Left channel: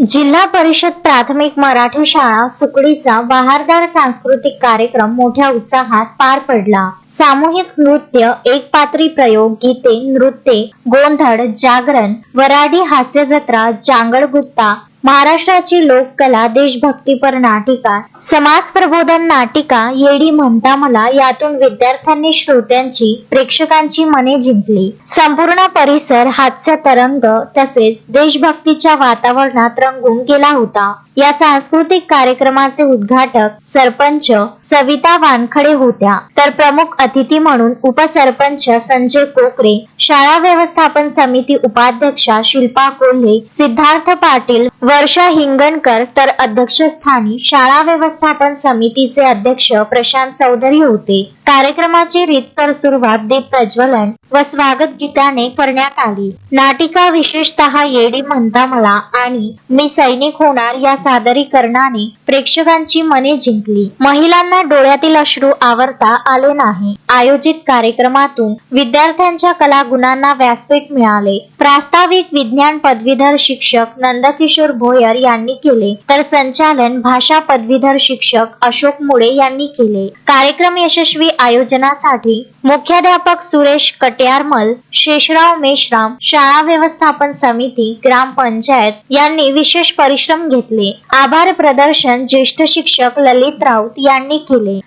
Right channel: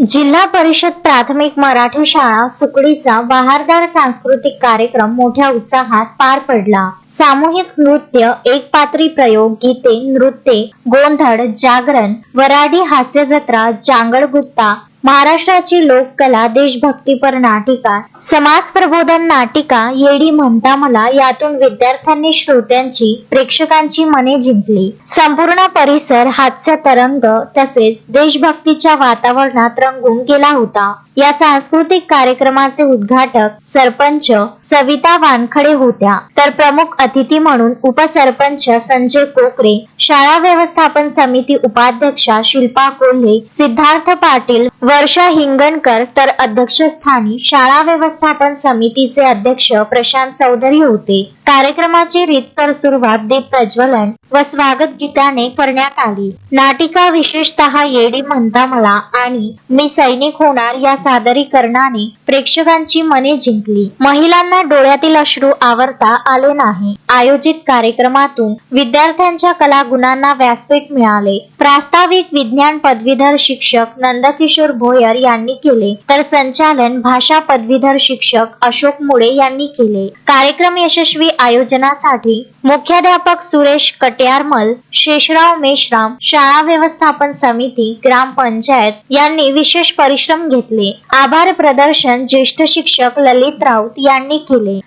जिल्हा परिषद प्राथमिक मराठी शाळा सुकडीचा बहारदार सांस्कृतिक कार्यक्रम मोठ्या उत्साहात पार पडला। सामूहिक नृत्य, एकपात्री प्रयोग, गीते, नृत्ये, गोंधळ, जागरण, वराडी हास्य जत्रा, जांगडगुत्ता, महाराष्ट्राची लोककला, देशभक्तीपर नाटिका, समाज प्रबोधन नाटिका, येडी म्हणता मला यातून विद्यार्थ्यांनी श्रोत्यांची, प्रेक्षकांची मने जिंकली। संपूर्ण परिसर हास्य तरंग तसेच देशभक्तीच्या वातावरणात रंगून गेला होता। या सांस्कृतिक कार्यक्रमाचे उद्घाटक सरपंच सविता वानखडे होत्या, तर प्रमुख अतिथी म्हणून उपसरपंच संजय कोकरे, शाळा व्यवस्थापन समिती उपाध्यक्षा शिल्पा कोल्हे, सिद्धार्थ पाटील, वर्षा हिंगणकर, तर अध्यक्षस्थानी शाळा व्यवस्थापन समितीचे अध्यक्ष प्रशांत चौधरी होते। कार्यक्रमाची रीतसर सुरुवात दीप प्रज्वलन व स्वागत गीताने करण्यात आली। नाटिका विशेषतः येडी म्हणता मला आणि मी सैनिक होणार या सादरीकरणाने प्रेक्षकांची मने जिंकली। महिलांना डोळ्यातील अश्रू आवरता आले नाही। आयोजित कार्यक्रमातून विद्यार्थ्यांच्या कलागुणांना व्यासपीठ मिळाले। प्रास्ताविक विज्ञान पदवीधर शिक्षक नंदकिशोर भोयर यांनी केले, तर संचालन भाषा पदवीधर शिक्षक अशोक मुळे यांनी केले। कार्यक्रम यशस्वी आयोजनासाठी मुख्याध्यापक सुरेश कट्यारमल, शेषराव मेश्राम, शाळा व्यवस्थापन समिती, ग्रामपंचायत यांनी विशेष परिश्रम घेतले। आभार प्रदर्शन ज्येष्ठ शिक्षक ललित राऊत यांनी केले।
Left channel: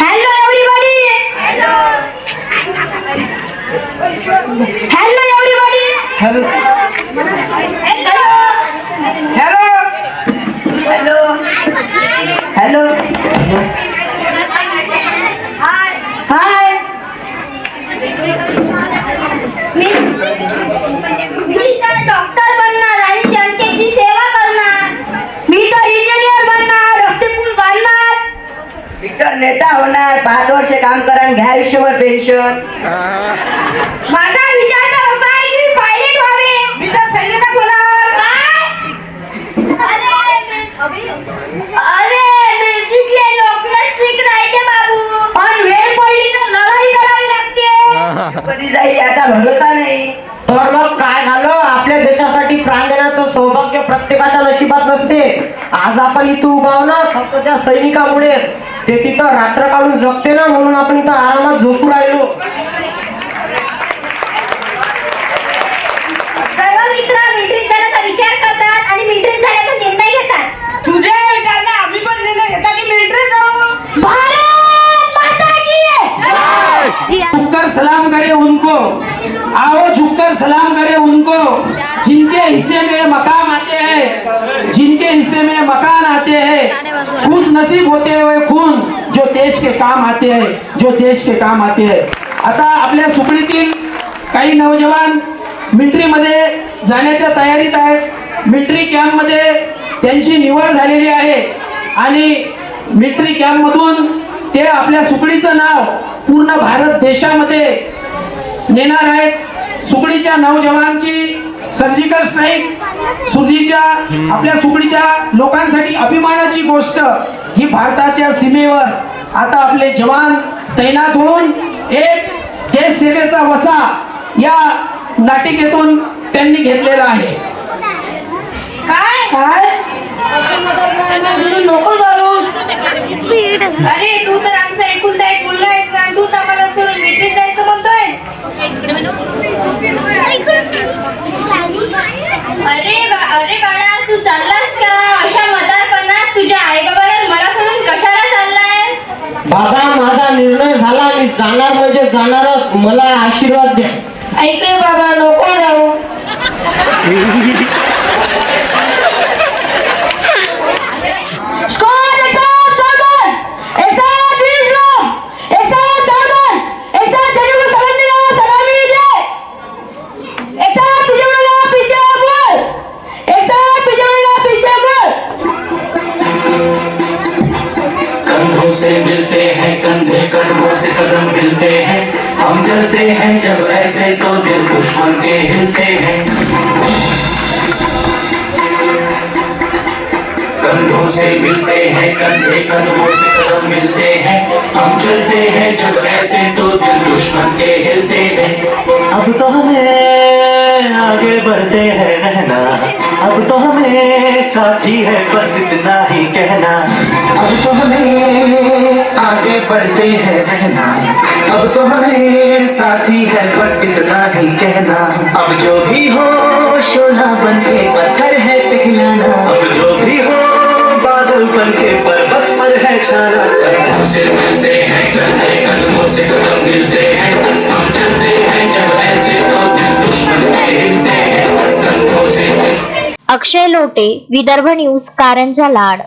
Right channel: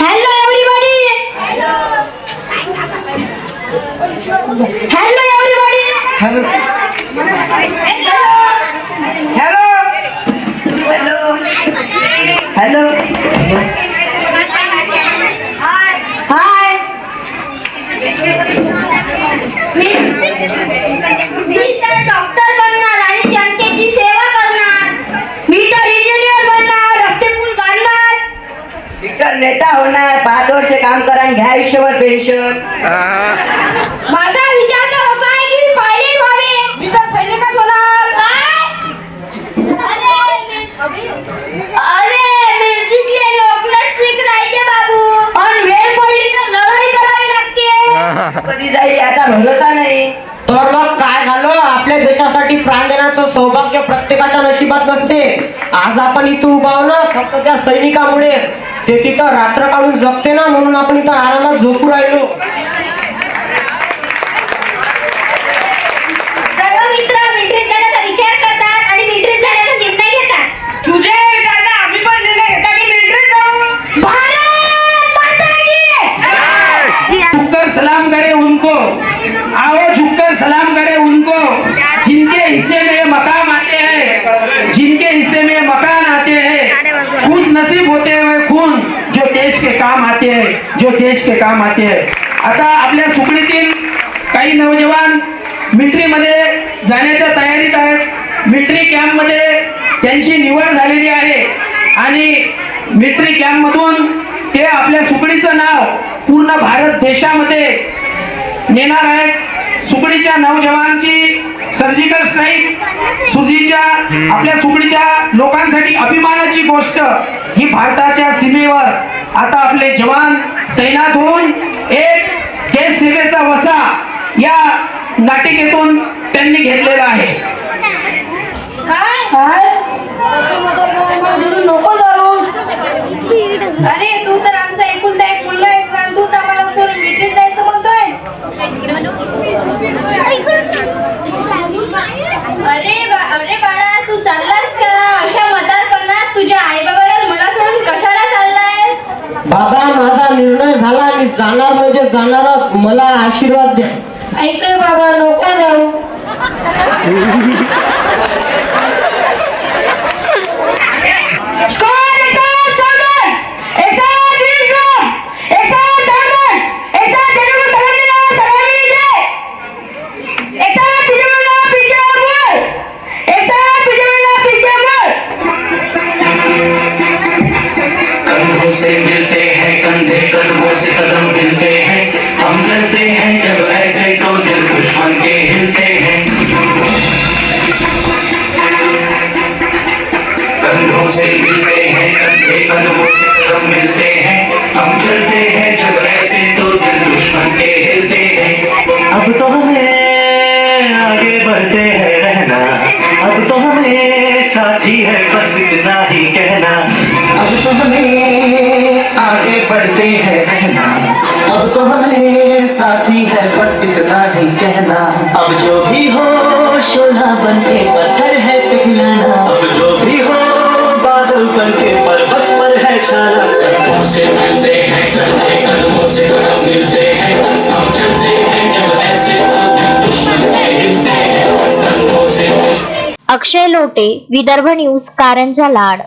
Hello everybody, hello hello everybody, hello hello hello hello hi hi मी तर डॉक्टर बनणार आणि जनतेची सेवा करणार। मी तर इंजिनियर बनणार, रस्ते पूल बांधणार। मी तर नेता होणार, 5 वर्ष काम करा आणि घ्या आयुष्यभर पेन्शन। माझा विचार तर असा आहे की मी पायलट व्हावे। मी तर सैनिकच होणार। काय अरे बेसिकली लोकला शिक राहते बाबू, पण वेळ पडली तर लढाई करावी लागते। कधी जाईल याचा भरोसा नाही। तर मग काय झालं, आपल्या देशासाठी प्राण देण्याचं सौभाग्य प्रत्येकाच्या नशिबात नसते। आज आपण इथं उभा आहो ना फक्त त्या सैनिकामुळे, ते तिथं रात्र काढून जगते ना, म्हणून आपण इथं आरामात झोपू राहिलो। सर्व मित्र मिलिटरीत जाण्याचा विचार करतात आणि मिलिटरीत जाण्याचा निर्णय घेतात। तुझ्या विचाराने आम्ही पण निर्णय घेतो की मिलिटरीत जाऊ। भारत माता की झुककर सलाम करे उनको, आओ झुककर सलाम करे उनको, जिनके हिस्से में मकाम आते हैं, जिनके हिस्से में मकान आते हैं, खुश नसीब होते हुए खून जो देश के काम आते हैं, जो देश के काम आते हैं। आता आपल्या सुकडीतील काही नौजवान मिलिटरी मध्ये जाण्याच्या तयारीत आहेत। मिलिटरी कॅम्प मध्ये त्यांची निवड झालेली आहे आणि मिलिटरी कॅम्प मधून ते आपल्या सुकडीचं नाव पूर्ण भारत देशामध्ये नेणार आहेत। सुकडीच्या नौजवानांची सर्जिकल स्ट्राईक सुधीच्या आपल्या सुकडीच्या लोकांसाठी अभिमानाची गोष्ट। ही भारताच्या सीमेवर आता आपले जवान तैनात होऊन एक देश सेवेचा वसा या नाटिकेतून त्यांनी घेतलेला आहे। काय काय नको जाऊस। अरे तू तर आमचा एकुलता एक मुलगा आहेस ना, तू आम्हाला सोडून मिलिटरीत जायचं म्हणतोय। अरे बाळा तू चाललास का? अशा म्हातारपणात तुझ्या आई बाबाला मला सोडून कशाला चाललायस? बाबा माझा निर्णय झाला, मी जाणार म्हणजे जाणारच, मला आशीर्वाद द्या। ऐक रे बाबा, नको जाऊ। से मिलते हैं, कंधे कदमों से कदम मिलते हैं, हम चलते हैं जब ऐसे तो दिल दुश्मन के हिलते हैं। कंधों से मिलते हैं, कंधे कदमों से कदम मिलते हैं, हम चलते हैं जब ऐसे तो दिल दुश्मन के हिलते हैं। अब तो हमें आगे बढ़ते हैं रहना, अब तो हमें बाकी है बस इतना ही कहना, अब तो हमें आगे बढ़ते हैं रहना, अब तो हमें साथी है बस इतना ही कहना, अब जो भी हो शोला बन के पत्थर है पिघलना, अब जो भी हो बादल बन के पर्वत पर है छाना, कदमों से मिलते हैं कंधे कदमों से कदम मिलते हैं, हम चलते हैं जब ऐसे तो दिल दुश्मन के हिलते हैं, कदमों से अक्षय लोटे, विदर्भ न्यूज, कारंजा लाड.